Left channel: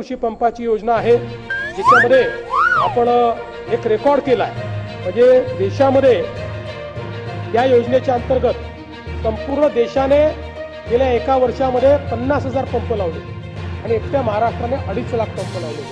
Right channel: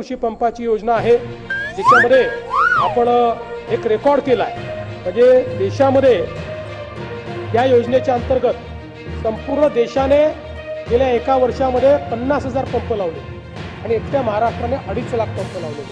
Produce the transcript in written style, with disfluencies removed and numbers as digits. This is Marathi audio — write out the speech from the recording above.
कृषी पंपाची योजना आहे, ज्याच्यामध्ये आपण एक रेकॉर्ड केला आहे। म्हणजे देशामध्ये या योजनेच्या अंतर्गत संपूर्ण देशाने गेल्या एका वर्षामध्ये 50,000 पंप लावले आणि एकट्या महाराष्ट्राने 2.5 लाख पंप लावले।